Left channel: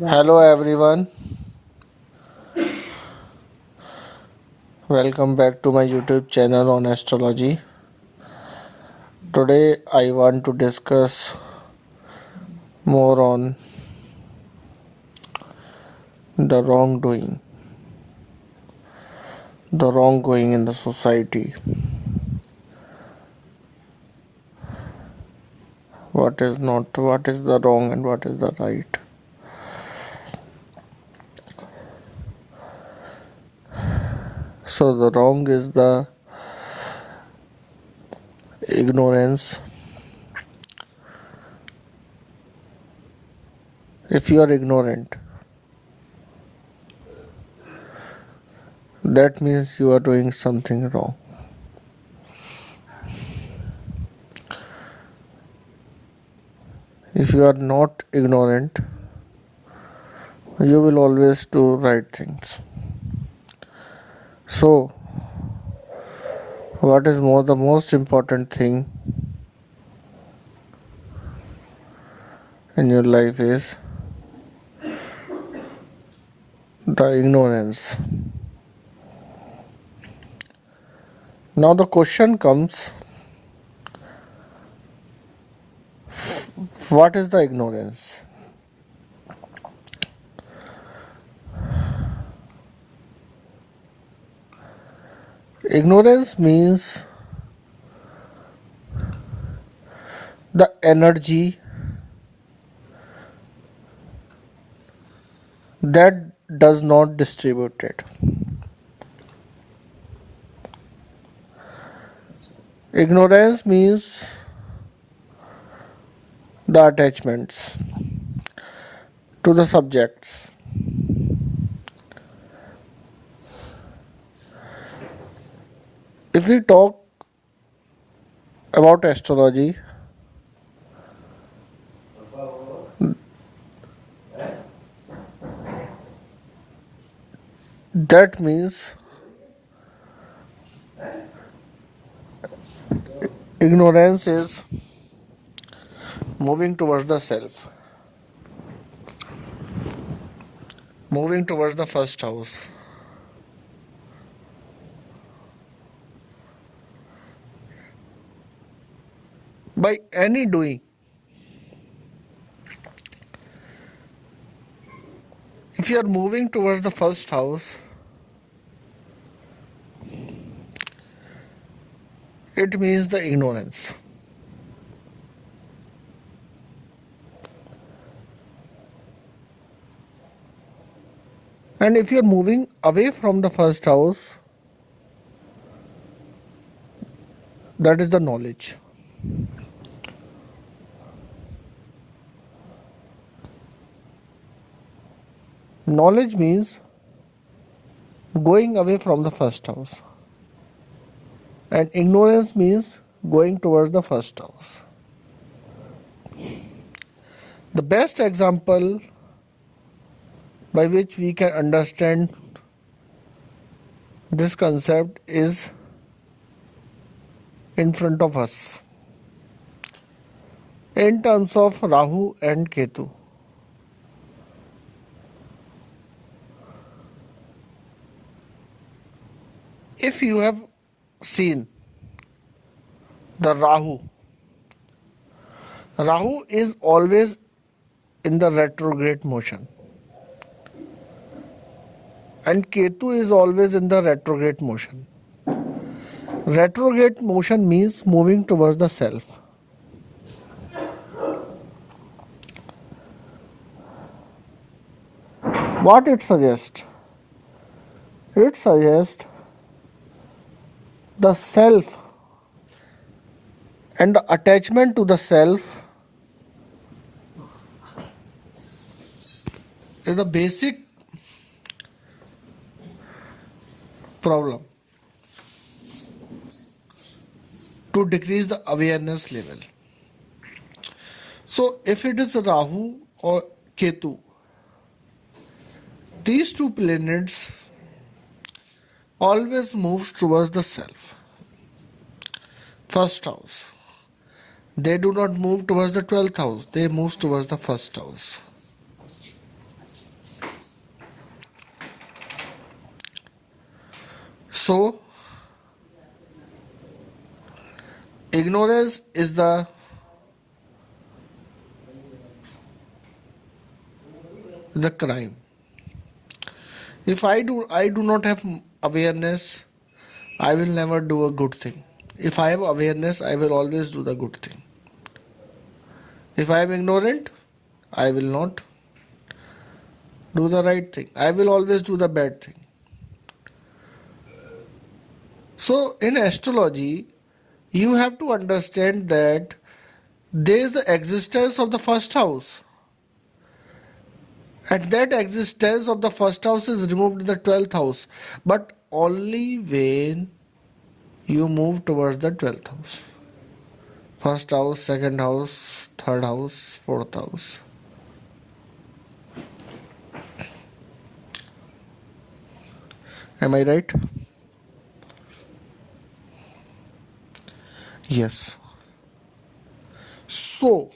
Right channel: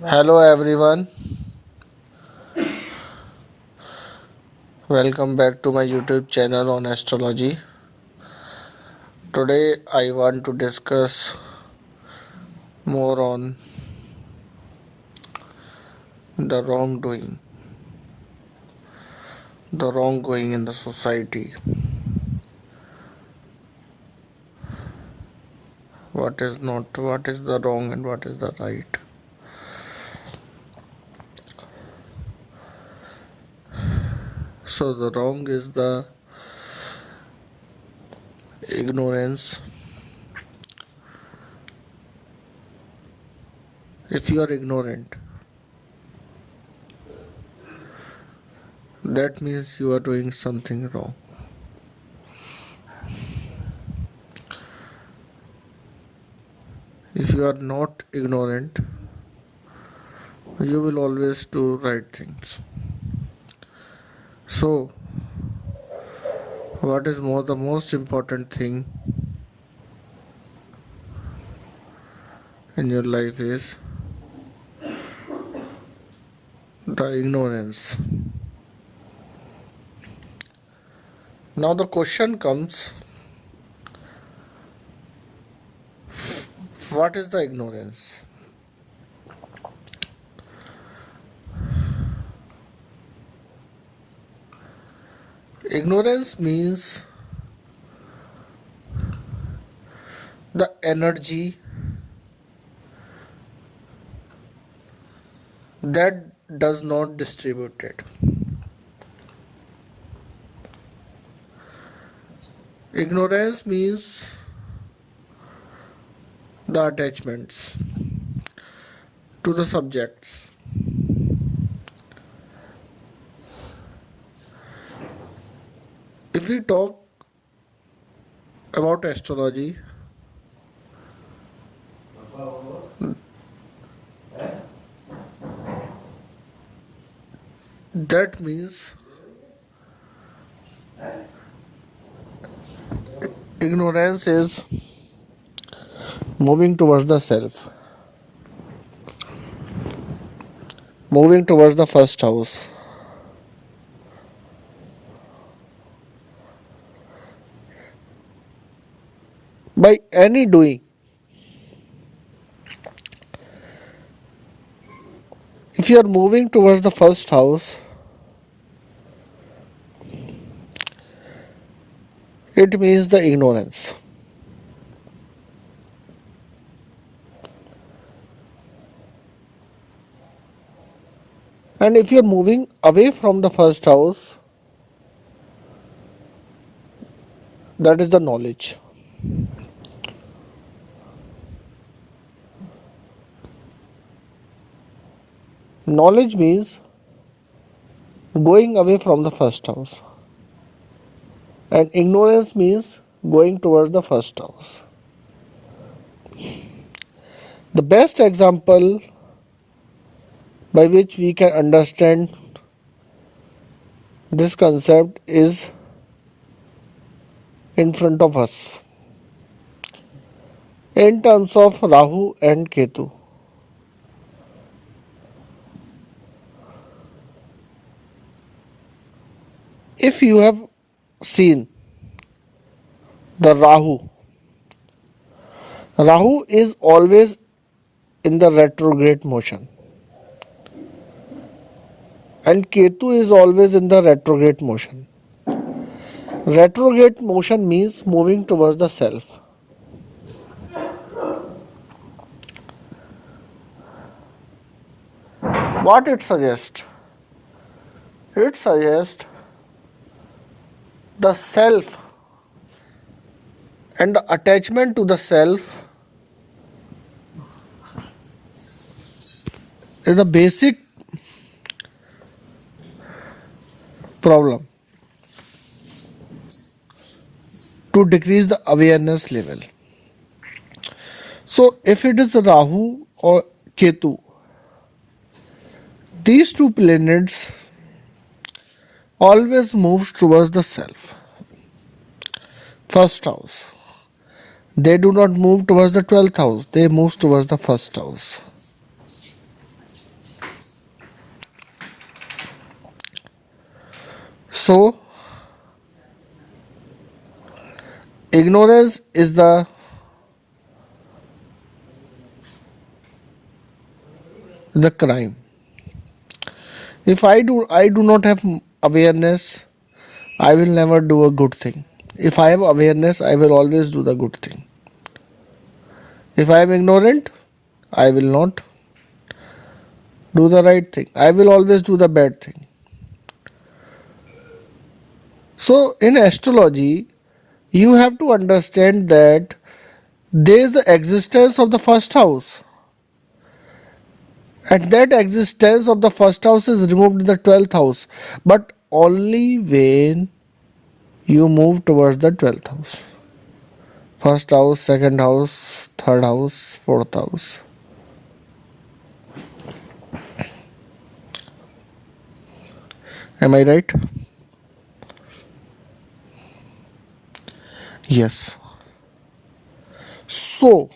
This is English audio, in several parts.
Hello everyone, welcome back to my YouTube channel on astrology. Today I want to discuss more on the wrongdoing in the society. What is the wrong and what is the right. So the wrong is the ignorance. If you are ignorant, that means you are doing something wrong. If you are not ignorant, you will always do right things. So, what is the most important thing in your life is the ignorance. Now the question comes, what is the ignorance? Ignorance means the energy that does not distribute it. Ignorance means the attachments to the subjects. If we talk about astrology, that means ignorance is moving towards the self, moving towards the first house. By any doing, if you are moving towards the first house, it means the ignorance. And if you are moving away from the first house, that is the knowledge. Knowledge means going away from the first house, and ignorance means going towards the first house. The best example by which we can understand this concept is in front of us in terms of Rahu and Ketu. If you have seen the Rahu is always in the retrograde motion, and Ketu is always in the retrograde motion. Retrograde motion means moving towards the self. What it suggests? It suggests the self and the attachment to the self is the basic problem to decrease the awareness level. So if it is Rahu or Ketu, these two planets always moves towards the self, first house. They do not move towards the 12th house, they move towards the first house. So ignorance is the crime. If I do not have awareness, I will never do a good thing. If I have awareness, I will always do the good thing. If I am ignorant, I will not do the right thing. I will always do the bad thing. So in astrology, you have to understand that there is the existence of the first house, and that existence of the first house is removed in the 12th house, but only when you move towards the 12th house. First house, second house, third house, fourth house. Am I right? Yes. So,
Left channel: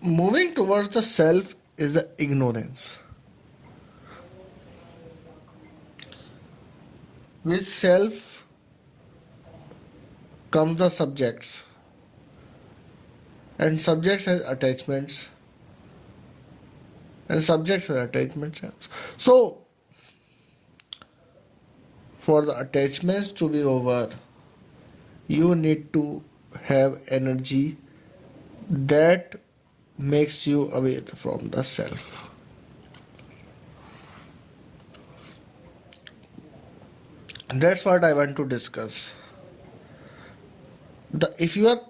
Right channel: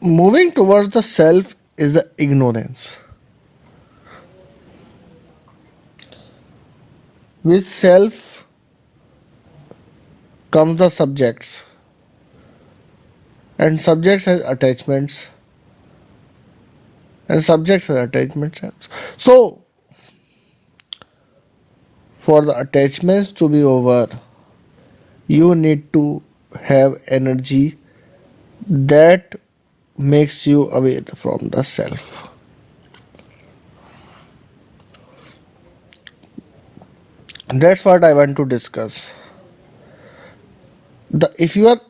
moving towards the self is the ignorance. With self comes the subjects, and subjects has attachments, and subjects has attachments. So, for the attachments to be over, you need to have energy that makes you away from the self. That's what I want to discuss. If you are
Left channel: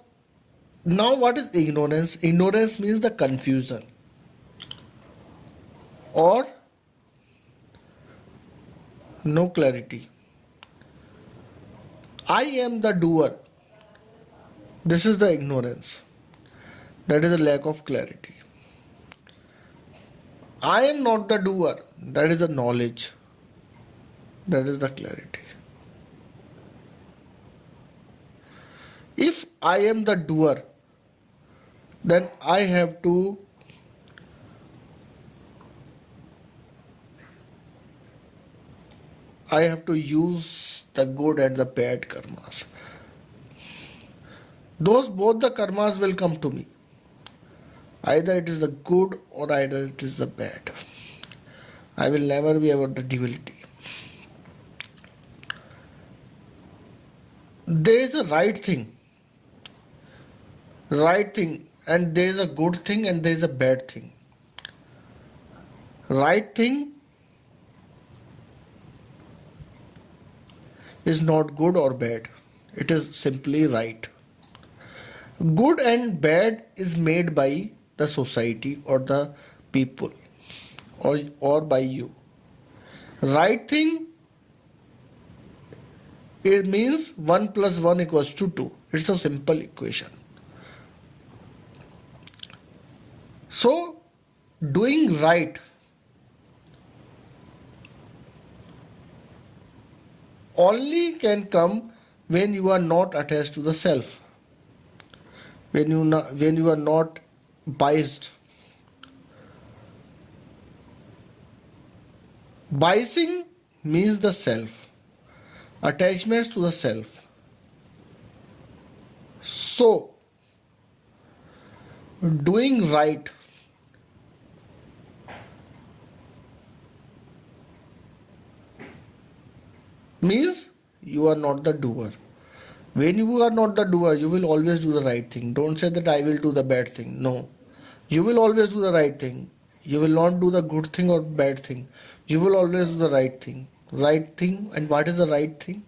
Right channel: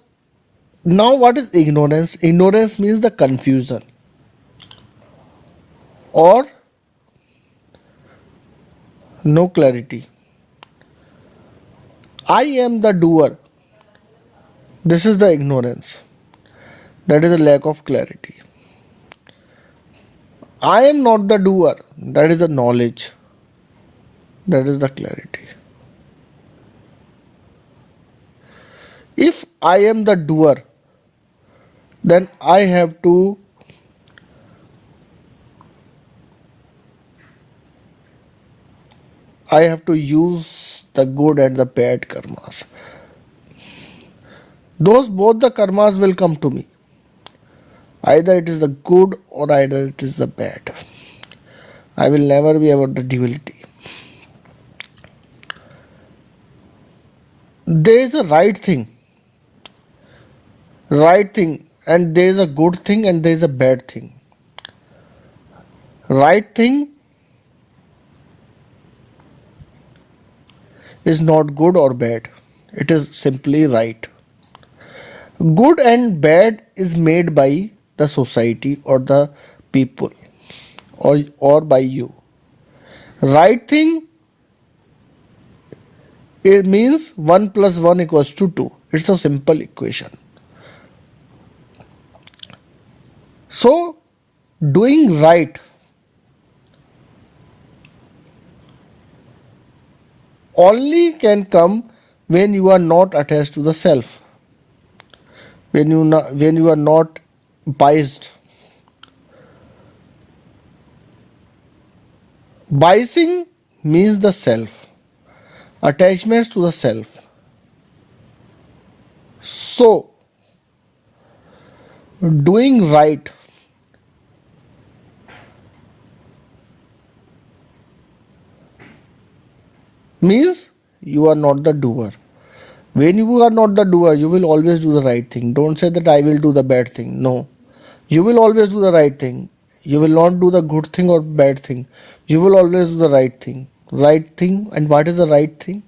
now, what is ignorance? Ignorance means the confusion or no clarity. I am the doer. This is the ignorance. That is a lack of clarity. I am not the doer. That is the knowledge. That is the clarity. If I am the doer, then I have to use the good and the bad karmas. Those both the karmas will come to me. Either it is the good or either it is the bad. I will never be about the duality. There is a right thing, and there is a good thing and there is a bad thing. Right thing is not good or bad. It is simply right. Good and bad is made by the society or the people or by you. Right thing, it means 1 plus 1 equals to 2. It's a simple equation. So, doing right only can come when you are not attached to the self, when you are not biased. Biasing means the self, attachments to the self. So, doing right means you are not the doer. When you are not the doer, you will always do the right thing. Don't say that I will do the bad thing. No. You will always do the right thing. You will not do the good thing or bad thing. You will always do the right thing. Right thing. And what is the right thing?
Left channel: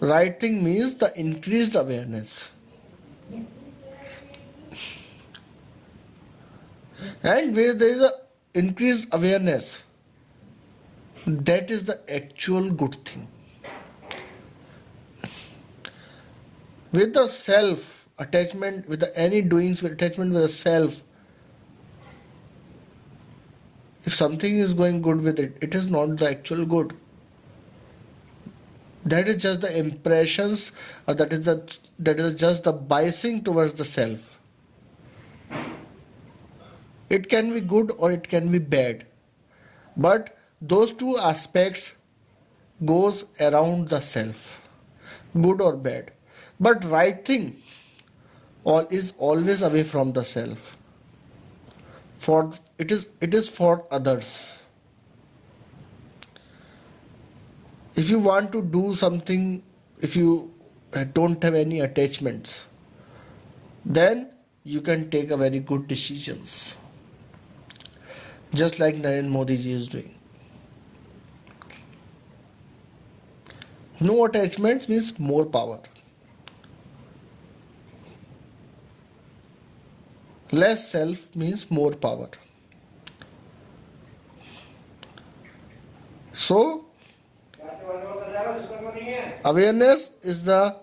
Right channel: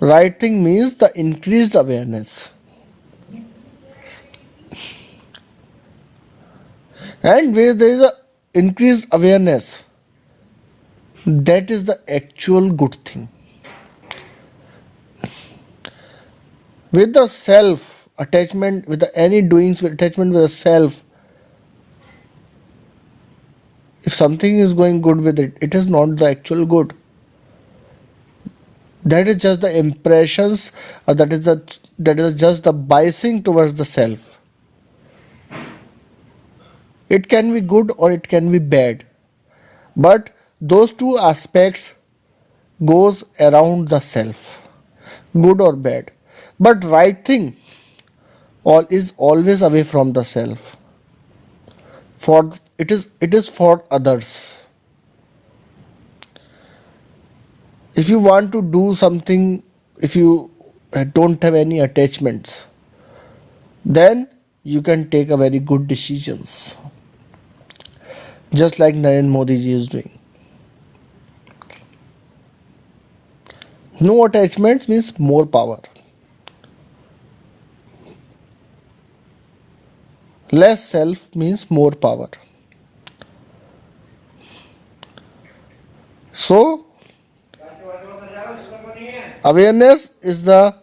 Right thing means the increased awareness. And where there is a increased awareness, that is the actual good thing. With the self attachment, with the any doings with attachment with the self, if something is going good with it, it is not the actual good. That is just the impressions, or that is just the biasing towards the self. It can be good or it can be bad. But those two aspects goes around the self, good or bad. But right thing all is always away from the self. For it is for others. If you want to do something, if you don't have any attachments, then you can take a very good decisions, just like Narendra Modi ji is doing. No attachments means more power. Less self means more power. So, awareness is the